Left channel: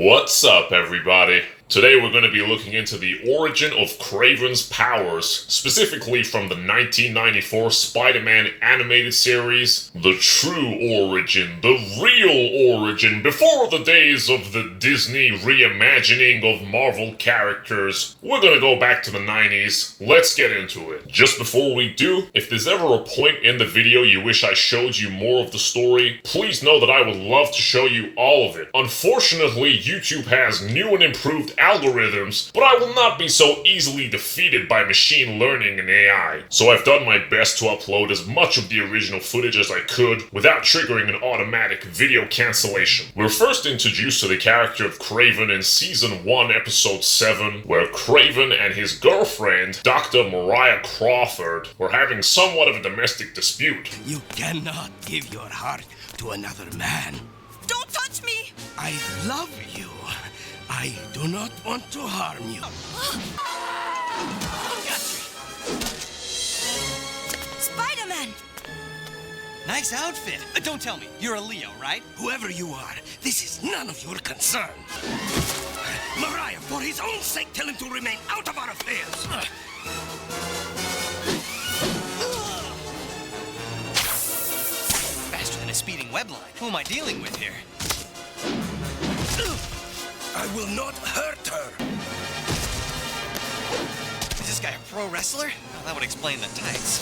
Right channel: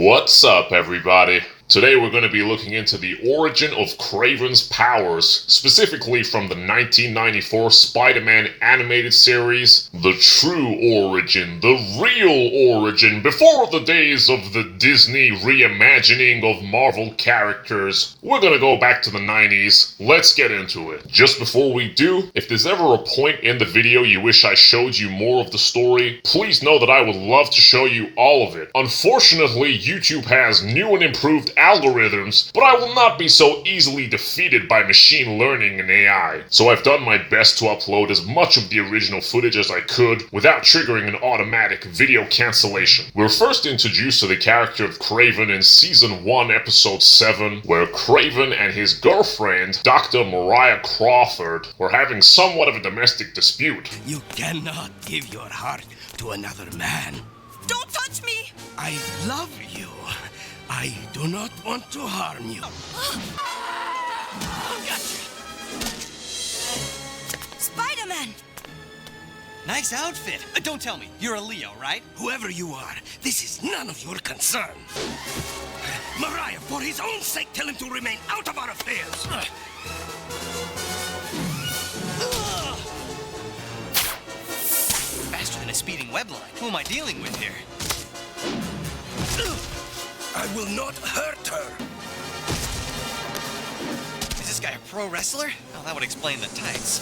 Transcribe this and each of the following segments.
What's up, everybody? Today we're going to be looking into the origin of Kraven's powers, specifically from the 1994 Spider-Man Animated Series. The true origin, the real origin, before the days of the Disney reimagining of Marvel characters. We're going to go back to the 90s. Let's get into it. Just before we do, if there's ever a point in the video you wish I showed you more of the story, please know that I would love to show you all of it. Unfortunately, YouTube has new and improved algorithms, but I will not be so easily defeated by machine learning and AI. So I've done my best to upload as much of the original footage as I could without triggering an automatic video cancellation. We're first introduced to the character of Kraven in Season 1, Episode 7, where Kraven and his girlfriend, Dr. Mariah Crawford, were having somewhat of a domestic dispute. You cannot give your heart to another man. Don't touch me! I love you. I do not want to harm you. Gotcha. Spider-Man! Nice outfit. Don't tell me. You're a Leo, right? Whoever you are, this is none of your concern. Mariah, for his own sake, tell him to remain out of our affairs. Faster than a speeding web line. Who am I dealing with here? I will not hurt her. Is this guy a pro wrestler? Oh, that would explain the tights.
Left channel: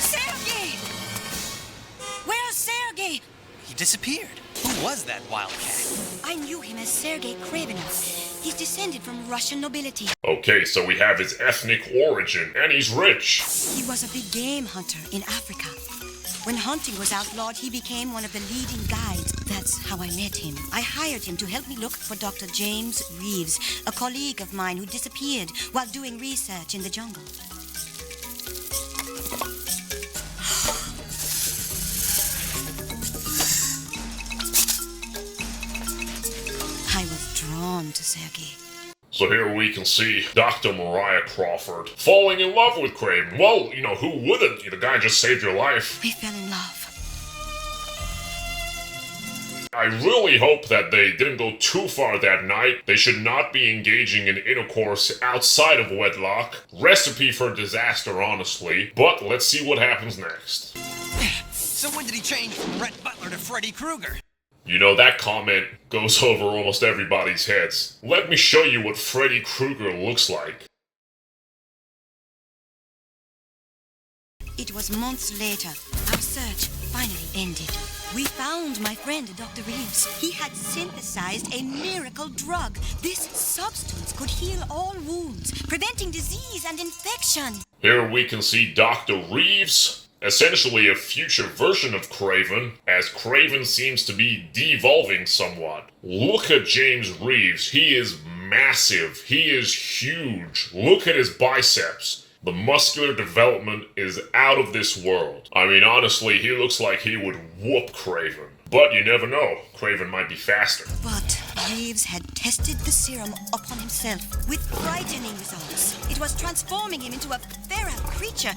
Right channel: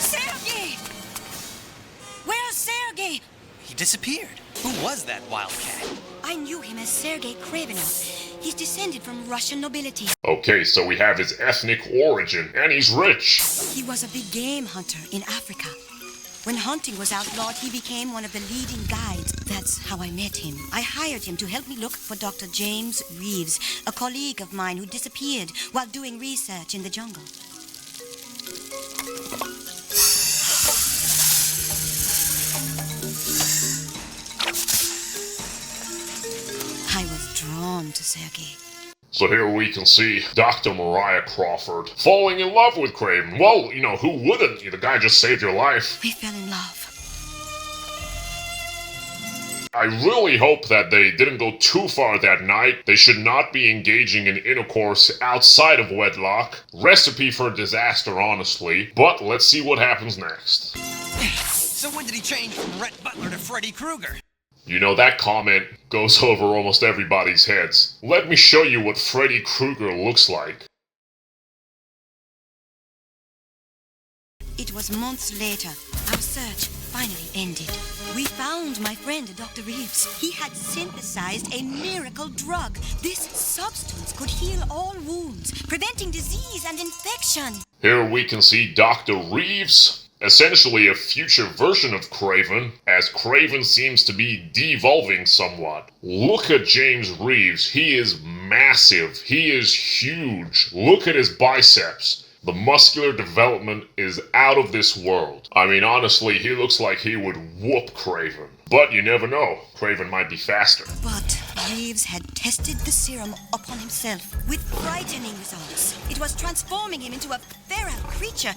Sergey! Where's Sergey? He disappeared. Who was that wildcat? I knew him as Sergey Kravenov. He's descended from Russian nobility. Okay, so we have his ethnic origin, and he's rich. He was a big game hunter in Africa. When hunting was outlawed, he became one of the leading guides. That's how I met him. I hired him to help me look for Dr. James Reeves, a colleague of mine who disappeared while doing research in the jungle. I was drawn to Sergey. So here we can see Dr. Mariah Crawford falling in love with Kraven. Well, you know, who wouldn't? The guy just saved your life. We fell in love. I really hope that they didn't go too far that night. They should not be engaging in intercourse outside of wedlock. Recipe for disaster, honestly. But let's see what happens next. So when did he change from Rhett Butler to Freddy Krueger? You know, that comment goes over almost everybody's heads. Let me show you what Freddy Krueger looks like. It was months later. Our search finally ended. We found my friend, Dr. Reeves. He had synthesized a miracle drug. This substance could heal all wounds, preventing disease and infection. Here we can see Dr. Reeves, essentially a future version of Kraven, as Kraven seems to be devolving somewhat. Look at James Reeves. He is massive. He is huge. Look at his biceps. The muscular development is out of this world. I mean, honestly, he looks like he would whoop Kraven. But you never know. Kraven might be faster. But Reeves had tested the serum upon himself with frightening results. It was transforming him into a feral creature.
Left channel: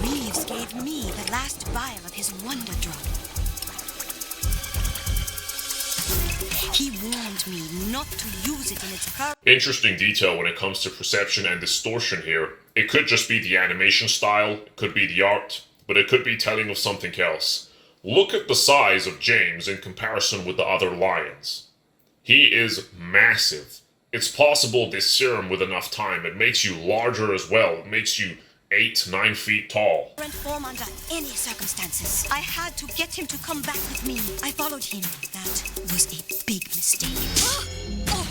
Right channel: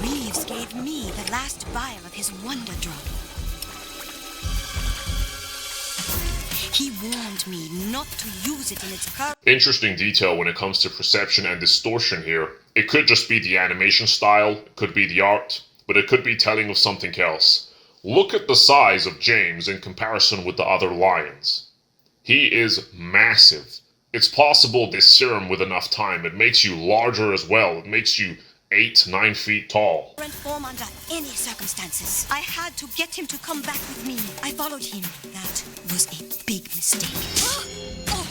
Reeves gave me the last vial of his wonder drug. He warned me not to use it in its current... Interesting detail when it comes to perception and distortion here. It could just be the animation style, it could be the art, but it could be telling of something else. Look at the size of James in comparison with the other lions. He is massive. It's possible this serum with enough time, it makes you larger as well. It makes you 8-9 feet tall. ...form under any circumstances. I had to get him to come back with me. I followed him. That was a big mistake. Oh.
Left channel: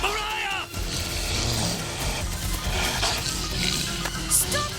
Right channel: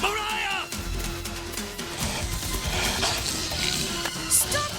Mariah! Stop!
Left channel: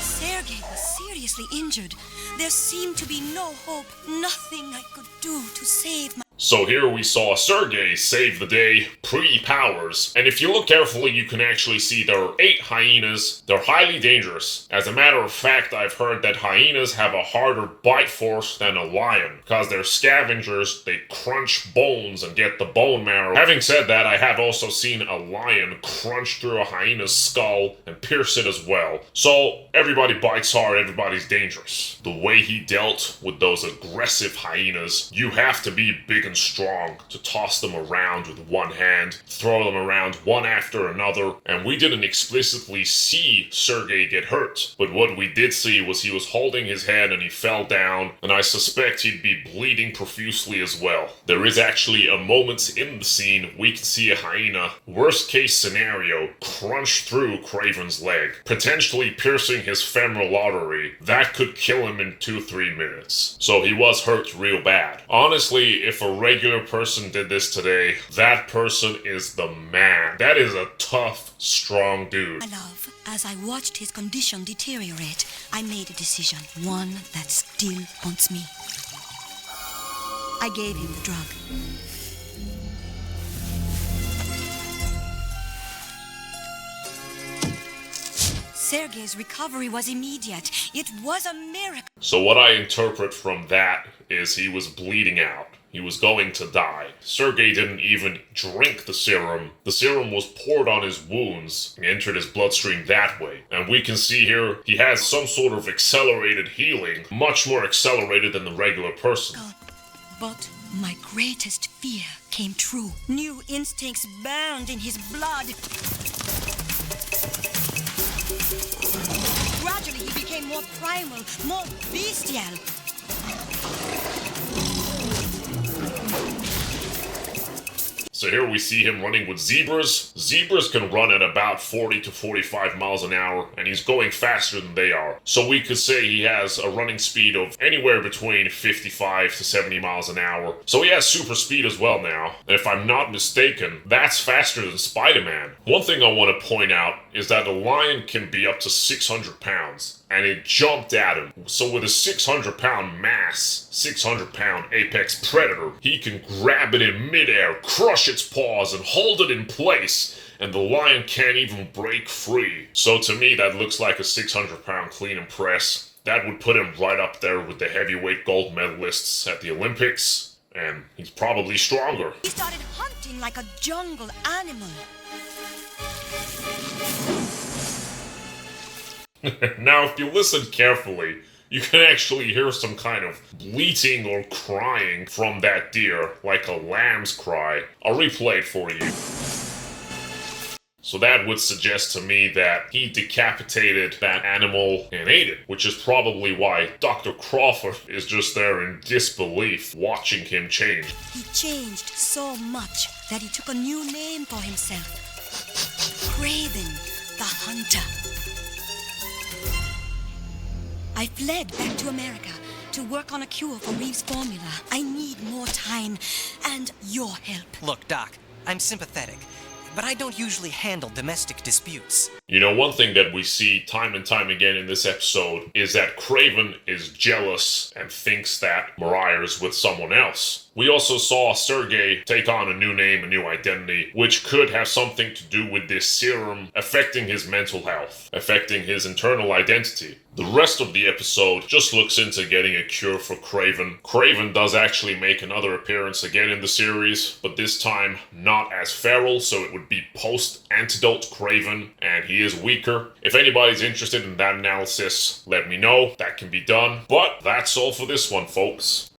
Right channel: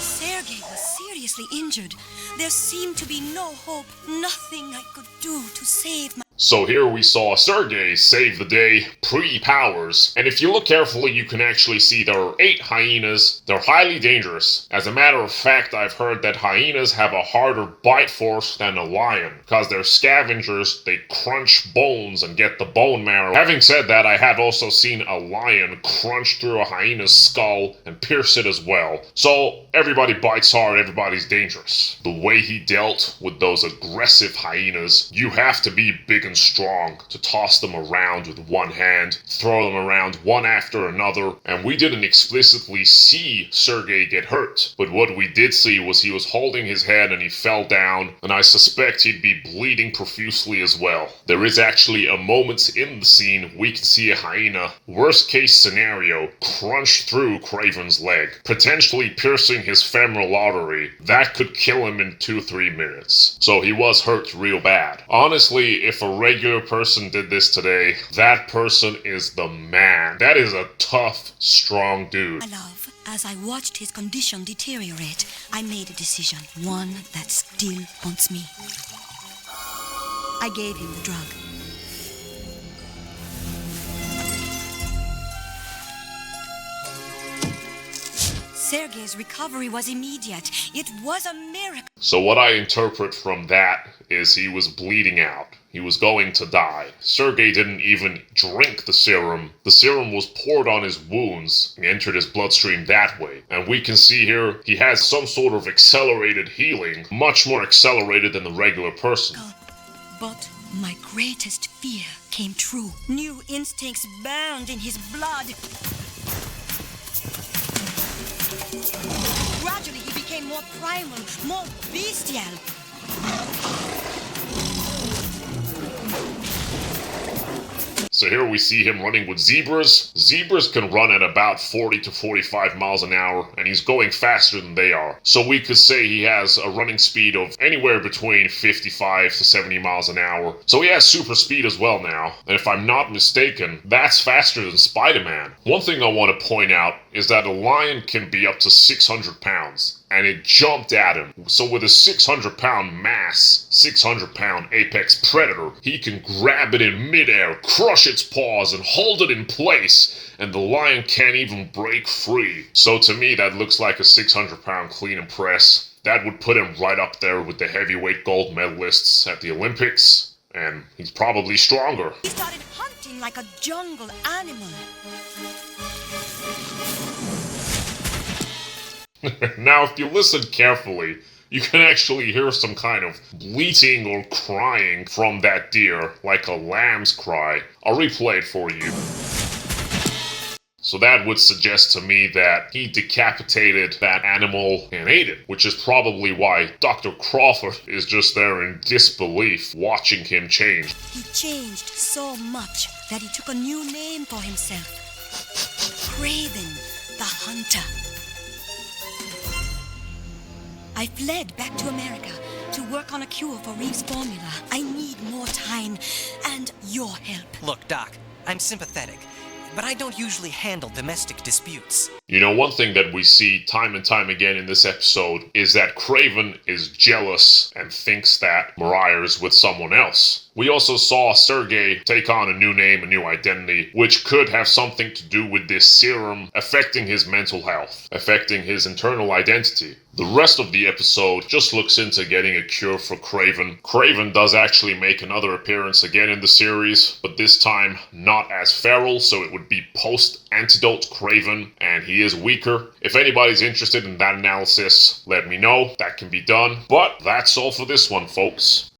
Sergey was seriously injured. There seemed to be no hope, nothing I could do to save my... So here we saw Sergey save the day pre-powers, and if you look carefully you can actually see there are 8 hyenas. They're highly dangerous. As a matter of fact, I've heard that hyenas have a harder bite force than a lion, because they're scavengers, they crunch bones and get the bone marrow. Having said that, I have also seen a lion crunch through a hyena's skull and pierce it as well. So everybody bites hard, everybody's dangerous. The way he dealt with those aggressive hyenas, you have to be big and strong to toss them around with one hand, throw them around one after another, and we didn't explicitly see Sergey get hurt, but what we did see was he was holding his head and he fell down, and I suspect he'd be bleeding profusely as well. There is actually a moment in the scene we can see a hyena, worst case scenario, crunch through Kraven's leg, potentially piercing his femoral artery. That could kill him in 2-3 minutes. So he was hurt real bad. Honestly, if a regular person did this today, that person is the man. That is a tough, strong dude. My love, as I watched his condition deteriorate, I made a decision, one that still haunts me. I gave him the drug. Sergei's recovery was immediate. It was a miracle. So what I interpret from that is he was bleeding out. He was going to die. Sergey didn't even drink the serum. The serum was poured on his wounds and entered his bloodstream that way. And we can see here he has some sort of accelerated healing, much more accelerated than the regular person. But my greatest fear came true. New instincts burned in his blood. Gradually he became more primal, more bestial. So here we see him running with zebras. Zebras can run at about 40 to 45 miles an hour, and he's going faster than they are. So we could say he has a running speed of anywhere between 55 to 70 miles an hour. So he has super speed as well now. And if I'm not mistaken, that's faster than Spider-Man. One thing I want to point out is that a lion can be up to 600 pounds. And it jumped at him. So with a 600-pound mass, 600-pound apex predator, he can grab it in midair, crush its paws, and hold it in place, and the lion can't even break free. So to me, that looks like a 600-pound clean and press. That would put him right up there with the heavyweight gold medalists at the Olympics, and he's probably stronger. He started hunting like a jungle animal. Now, if you listen carefully, you can actually hear some kind of bleating or crying from that deer, like a lamb's cry. I'll replay it for you. So that would suggest to me that he decapitated that animal and ate it, which is probably why Dr. Crawford is just there in disbelief, watching him change. He changed so much that he took a new name for himself. Kraven, the Hunter. I fled back to America to work on a cure for Reeves' formula. I need more time and your help. Look, Doc, I'm sympathetic, but I don't usually handle domestic disputes. You know, one thing that we see time and time again in this episode is that Kraven is jealous and thinks that Mariah is with someone else. We also saw Sergey take on a new name, a new identity, which could have something to do with this serum affecting his mental health, affecting his internal identity. The rest of the episode just looks into getting a cure for Kraven. Kraven does actually make another appearance again in the series, but this time not as feral, so it would be post-antidote Kraven, and he is weaker. If anybody's interested in that analysis, let me know. That can be done. But that's all for this one, folks.